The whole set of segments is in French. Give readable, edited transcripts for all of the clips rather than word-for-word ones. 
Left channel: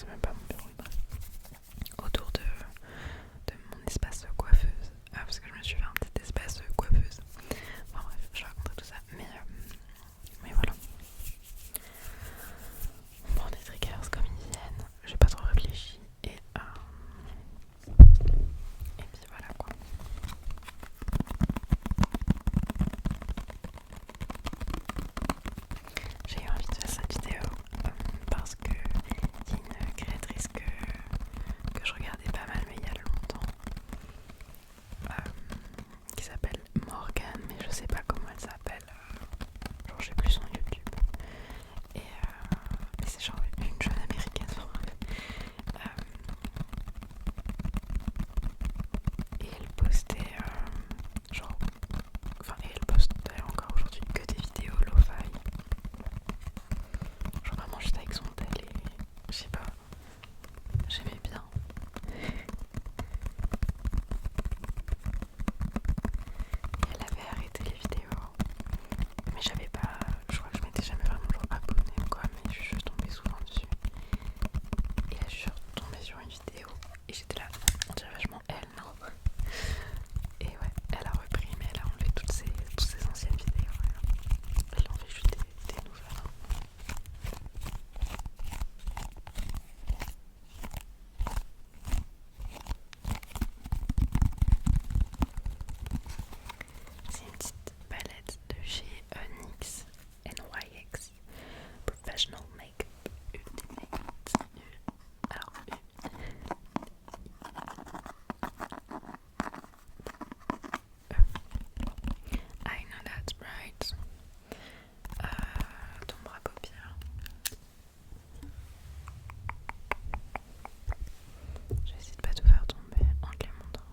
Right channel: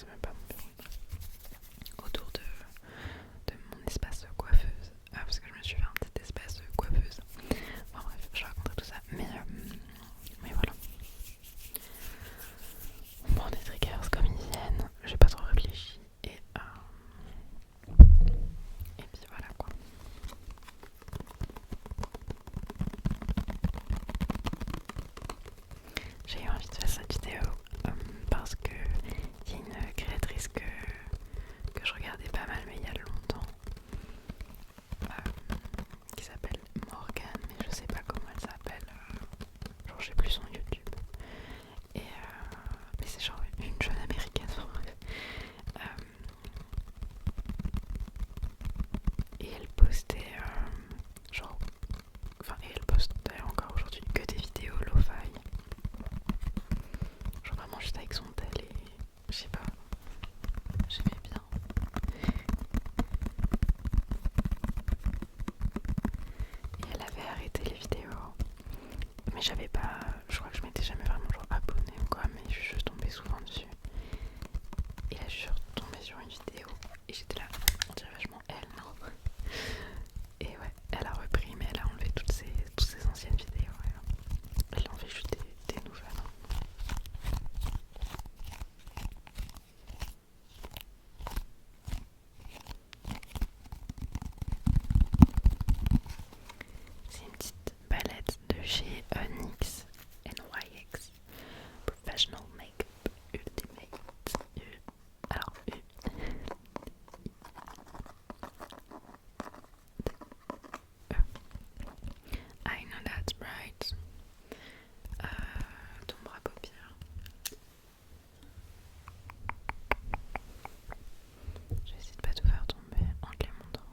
c'est même pas mon bureau, bref. Autour de mon espace coiffeuse. Ah, parce que je me suis fait un petit espace coiffeuse. Enfin bref, je raconterai tout ça. Mais voilà. On prend des triggers comme ils viennent. J'ai pas trop réfléchi. Et puis voilà quoi. J'ai eu envie de faire cette vidéo parce que il y a une créatrice que je regardais pas mal mais il y a longtemps qui s'appelle Morgane, mais je sais pas comment elle s'appelle, genre j'ai plus son YouTube mais c'est genre une jeune américaine et elle postait genre enfin et elle poste d'ailleurs encore aujourd'hui que des vidéos lo-fi, genre vraiment juste avec son tel et je sais pas, j'aimais bien. Et elle avait arrêté les vidéos, mais j'avais pas, je crois que je m'étais jamais vraiment genre abonnée ou quoi, mais je suis juste tombée souvent dessus. Et là je suis tombée sur une vidéo et j'étais là, on dirait vachement elle, non? Et ouais, elle a repris mais elle a enlevé toutes ses anciennes vidéos. Elle en fait juste des nouvelles. C'est une petite palette de chez NYX, NYX Professional Makeup Ultimate. Alors, I know that's right. Ombre à paupières. Je vais essayer de pas tout faire tomber en te les montrant.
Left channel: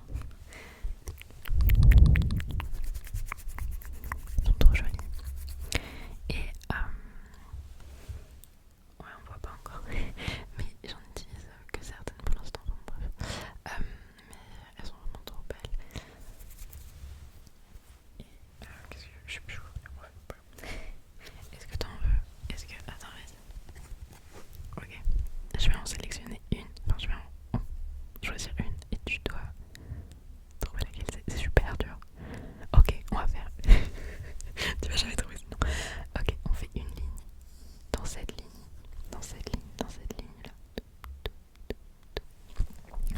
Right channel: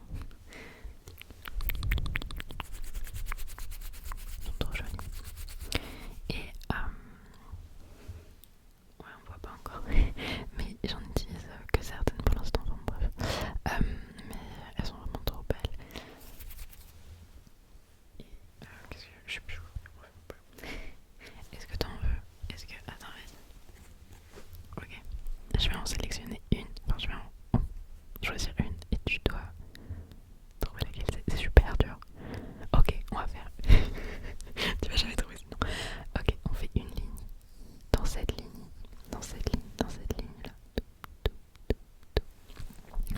Ils sont trop jolis. Et ouais, on voit pas encore, mais j'en utilise que certaines pour l'instant. Enfin bref, mais elles sont vraiment trop belles. Et qu'est-ce que je sais plus où. Est-ce que t'en veux? Est-ce que attends, vas-y. Ok, je vais en sélectionner une. Enfin, je vais en choisir une et tu dois trouver laquelle c'est super dur. Ok, on va faire. Tu vas jamais trouver sinon. Ok, on fait une ligne. Dans cette ligne. Dans cette ligne. Dans cette ligne là.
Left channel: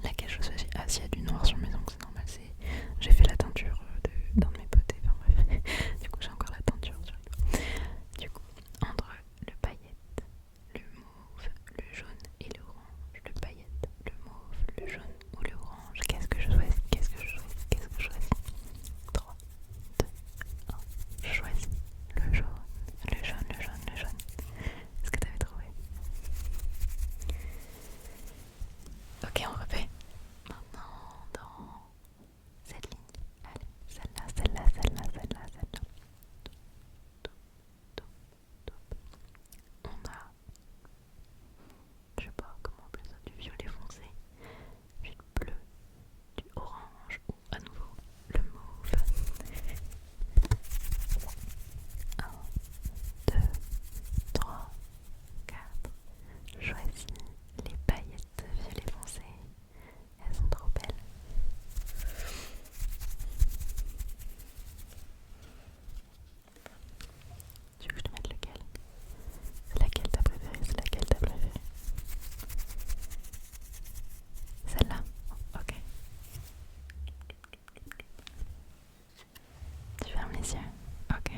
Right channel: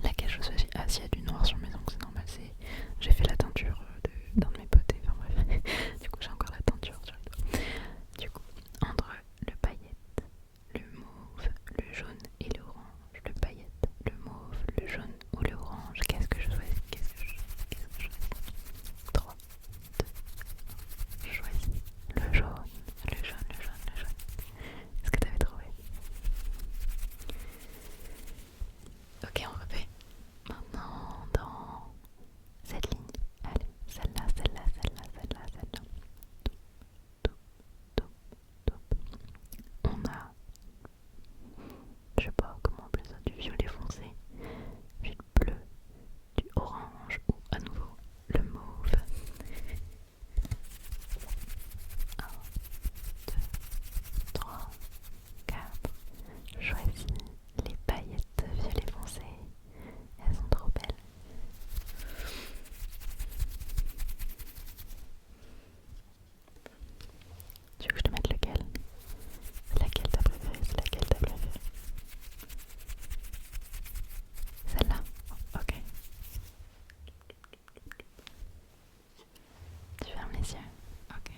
Laquelle je choisis? Ah, s'il y a du noir sur mes ongles, c'est normal. J'ai fait la teinture d'un de mes potes. Enfin bref. Du coup, j'ai encore la teinture sur les doigts. Du coup, entre le paillette, le mauve, le jaune et l'orange, le paillette, le mauve, le jaune ou le orange, qu'est-ce que je choisis? Qu'est-ce que je choisis? Qu'est-ce que je choisis? 3, 2, 1. Je choisis le jaune, le jaune, le jaune, le jaune. Est-ce que t'avais trouvé? Ok, on refait. Maintenant, dans cette ligne. Allez, celle-là, celle-là, celle-là, celle-là, celle-là. Top, top, top, top. On a, je sais pas comment appeler ça, du violet foncé, du bleu, du orange ou à nouveau le mauve. 1, 2, 3, 4. Choisis les paillettes violet foncé. Elles sont trop belles. Tu veux que je te mette lequel? C'est laquelle t'as préférée? C'est laquelle t'as préférée? Celle-là? Ok. Tu fermes les yeux? Ok.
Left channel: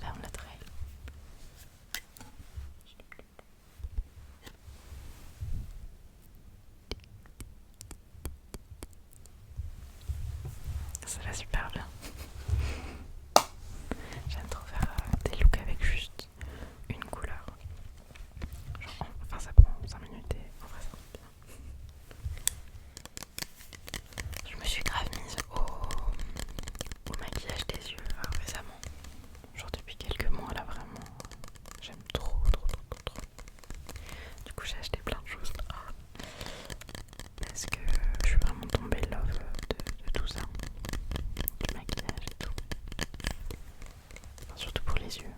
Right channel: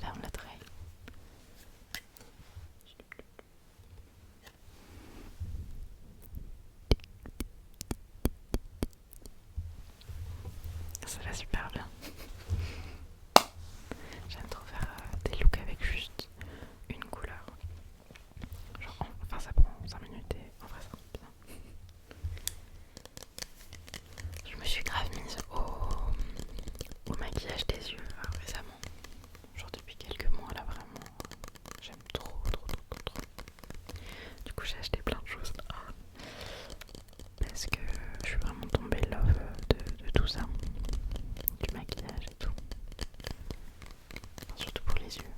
Ferme le trait. Ça va super bien. J'aime trop faire des looks avec juste une couleur. Genre, enfin ça prend 5 minutes et en vrai ça rend bien. Je me suis grave mise au maquillage des yeux récemment. Genre depuis quelques mois là vraiment. J'aime trop, trop, trop, trop, trop. Du coup j'ai acheté plein de choses là. Parce que je suis vraiment tombée love de tout ça. Du maquillage et tout. Enfin, surtout pour les yeux.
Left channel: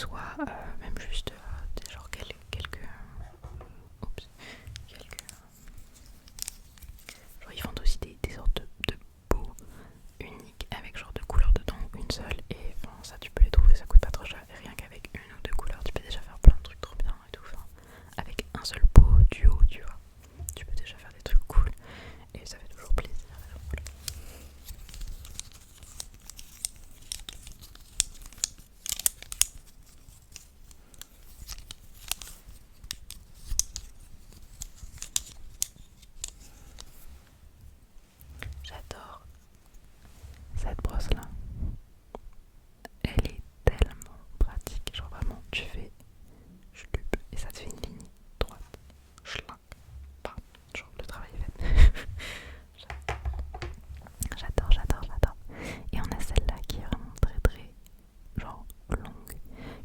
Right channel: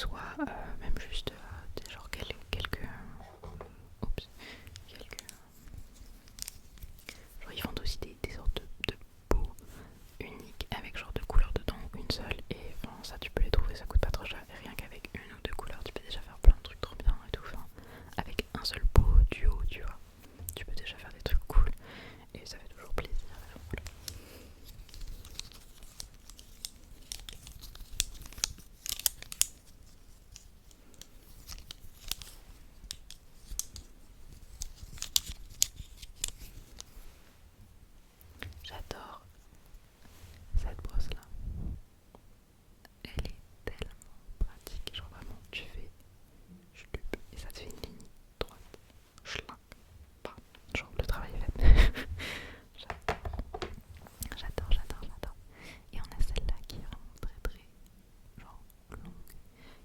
soit même juste genre quelques genre ils vendent aussi des sortes de pots uniques avec genre deux couleurs dedans, une seule, et enfin ça tu peux les trouver, ça coûte pas trop cher, et rien qu'avec une ou deux couleurs tu peux déjà faire plein de trucs trop bien et tout, enfin avec un seul pot duo tu vois, tu peux déjà faire des trucs cool et ça fait toujours plaisir. Voilà. J'adore cette brosse là, elle est tellement pratique, genre vraiment tu fais chlup et ça te fait une ligne droite, schlinck, bam, genre le travail est fait. J'adore. Et on a celle-là qui est vraiment très genre longue,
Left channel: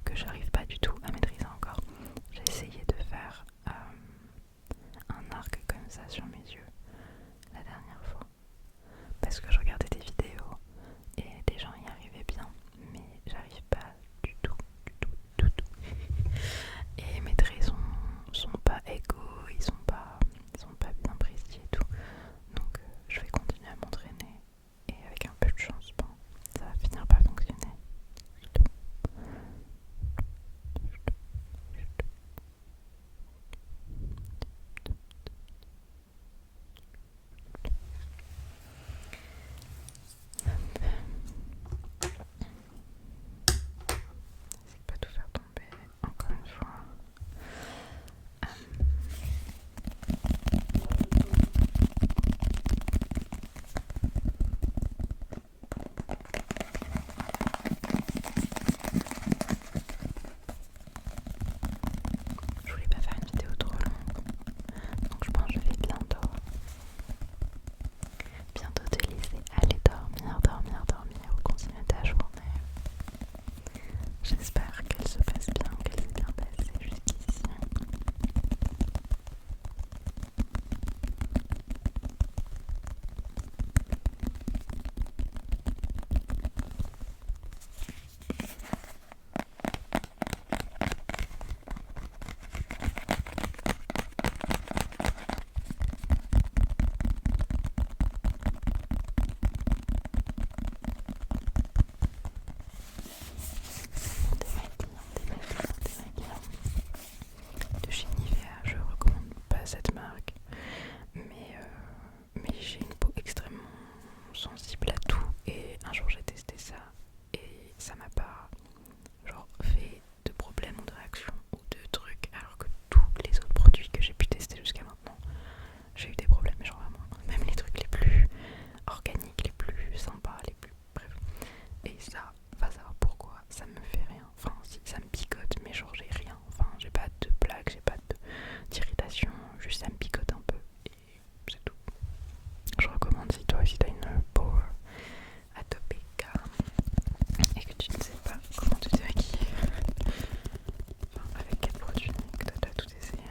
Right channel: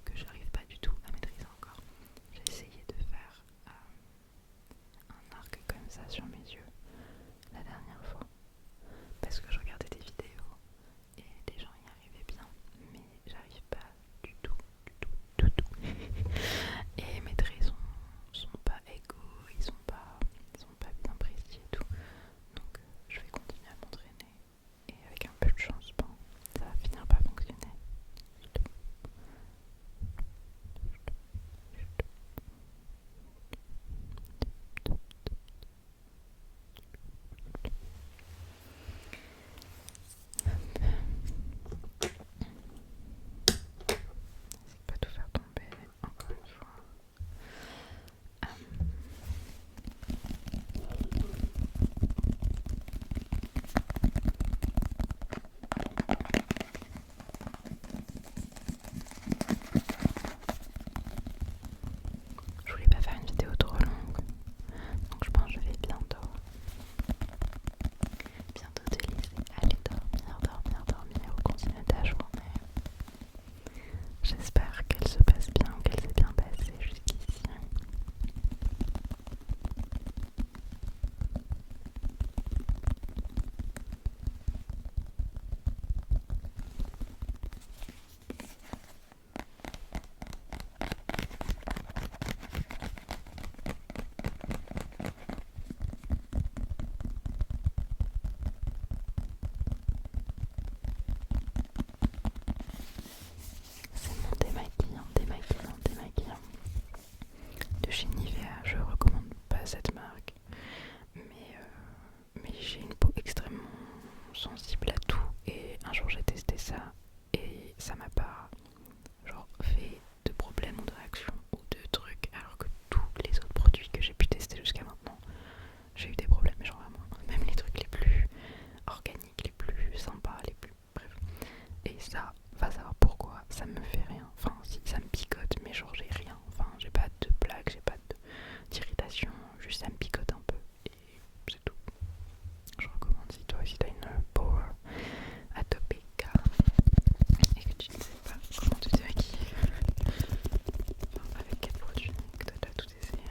que j'arrive pas du tout à maîtriser encore. J'ai essayé de faire un arc comme ça sur mes yeux la dernière fois, parce que je regardais des vidéos et des gens y arrivaient bien, mais j'arrive pas du tout. Et mes traits sont pas égaux, ils sont pas bien précis et tout. Donc je vais continuer à m'entraîner et avec un peu de chance, bon, ça va finir par fonctionner. N'essaie pas de tout faire tomber encore une fois. Je voulais pas faire une vidéo trop longue, donc je pense que je vais bientôt te laisser aller dormir ou continuer ta journée. J'espère qu'elle se passe bien, qu'elle s'est bien passée jusqu'ici. C'est mon démaquillant de chez Nivea. Je recommande pas cette marque, mais j'ai une peau extrêmement sensible à tout, et un jour j'ai testé ça et ça m'a pas genre fait de problème ou de réaction ou de trucs, alors que tous les autres produits que j'ai pu tester jusqu'à maintenant, j'ai eu des problèmes, genre vraiment, même les trucs les plus organiques, les plus sympas, les plus bref. Et ça, va savoir pourquoi, ça me fait rien. Enfin, si, ça me picote, mais genre j'ai rien. Enfin, j'ai pas de plaques, j'ai pas d'irritation, juste ça me picote un peu et c'est tout. Je recommande si toi aussi t'as une peau atopique et que tu ne sais pas comment tu te maquilles, enfin, avec quel produit, que toi t'as tout essayé.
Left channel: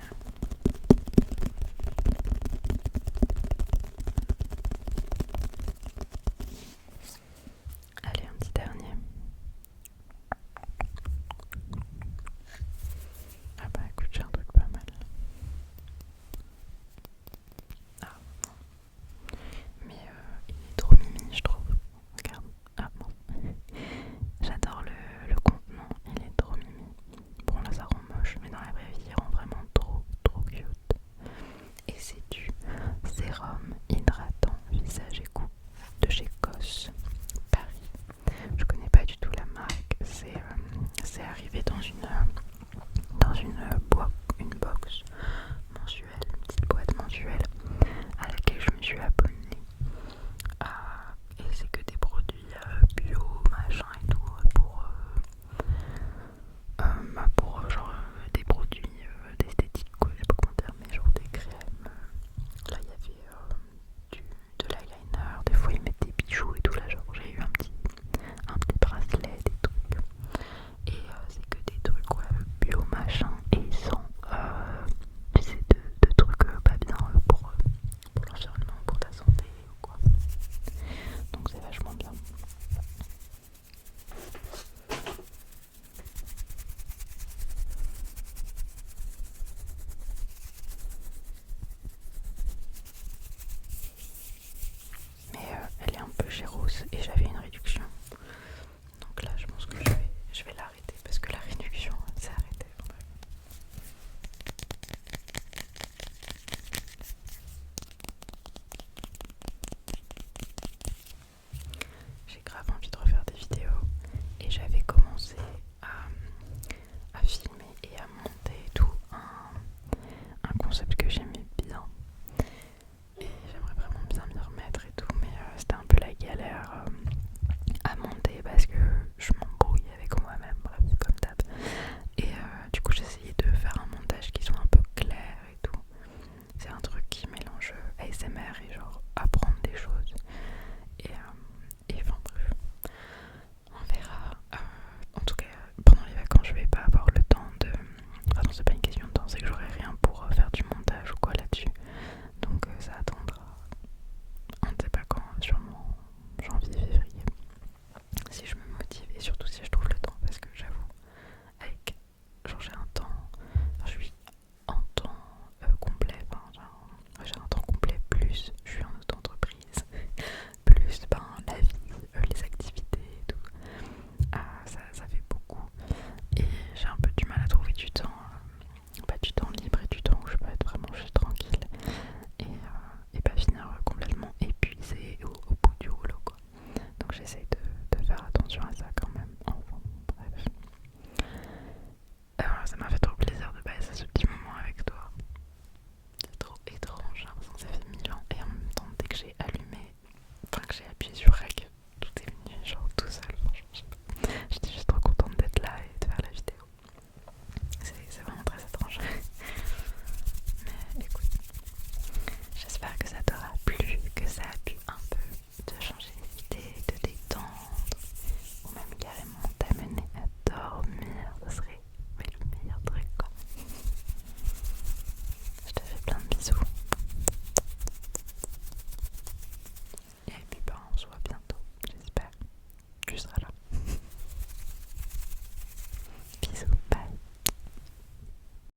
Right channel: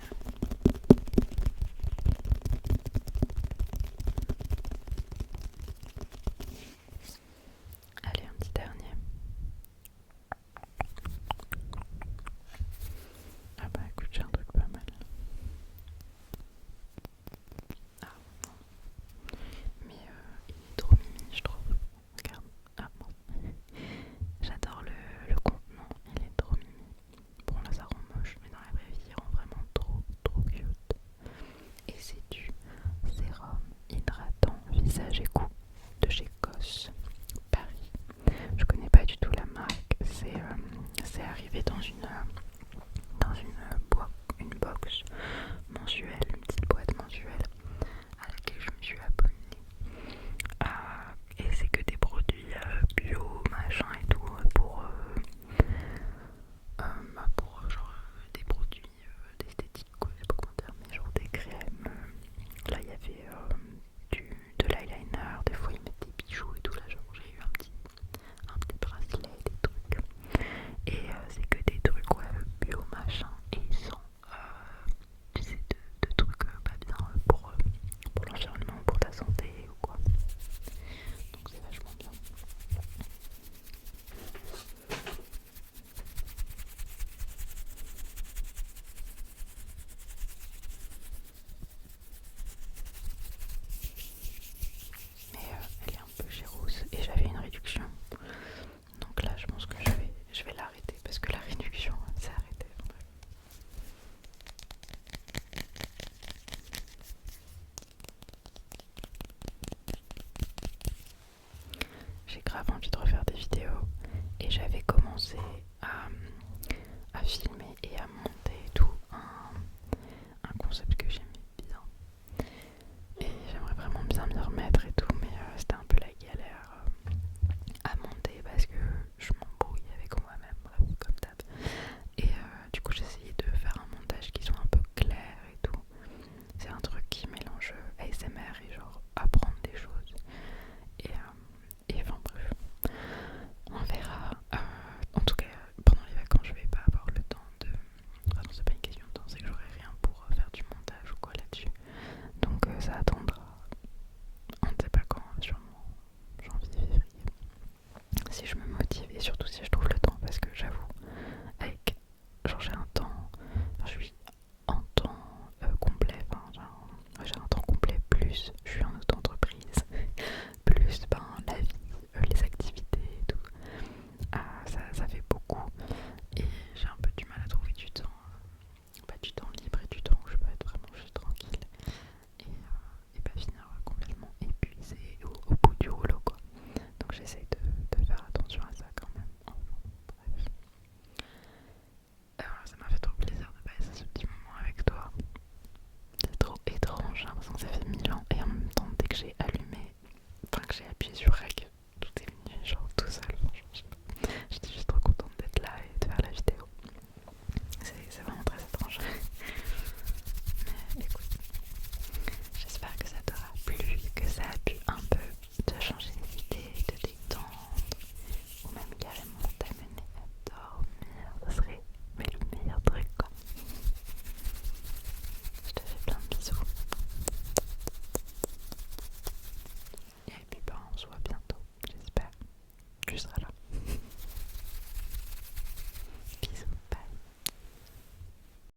Allez, un petit dernier. Ah bah écoute, j'ai un truc pas mal. Ah non. Mais il est trop mimi, je trouve. Regarde. Ah bon. J'adore le contenant, il est trop mimi. Bon là ça rend moche, mais dans la vraie vie il rend vraiment trop cute. Et c'est du sérum hydratant visage et cou de chez Cos Paris. Je connais pas du tout la marque, c'est arrivé dans une boîte